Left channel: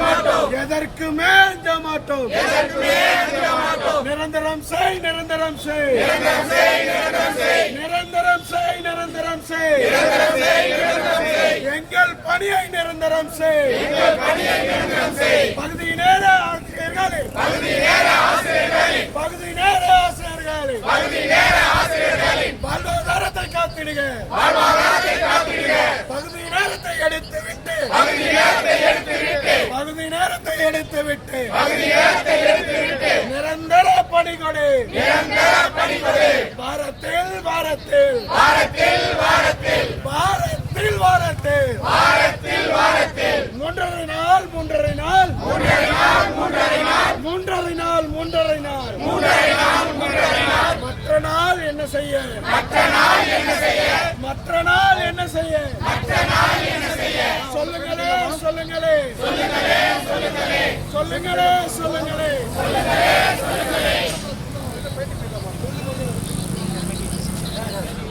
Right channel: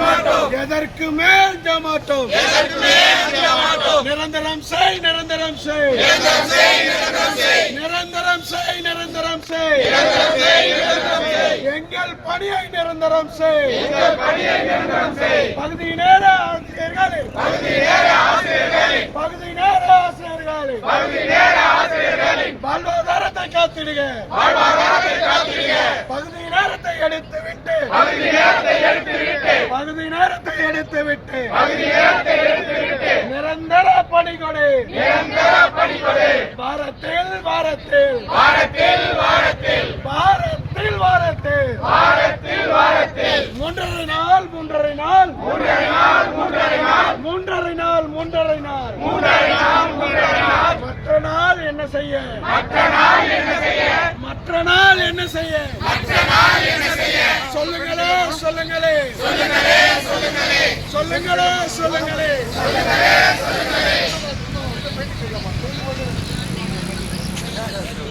மாட்டோம் எதற்குமே அஞ்ச மாட்டோம் நிரந்தரம் செய் நிரந்தரம் செய் நிரந்தரம் செய் நிரந்தரம் செய் எங்கள் பணியை நிரந்தரம் செய் பகுதி நேர ஆசிரியர்களே பகுதி நேர ஆசிரியர்களே வாழ்வாதாரத்தை காத்திடுக பகுதி நேரத்தை எடுத்துவிட்டு பகுதி நேரத்தை எடுத்துவிட்டு நிரந்தர பணிகொடு வாரத்தில் வாரத்தில் வாரத்தில் வாரத்தில் வாரத்தில் மூன்றரை நாள் மற்ற நாள் என்ன செய்ய சொல்லுங்களே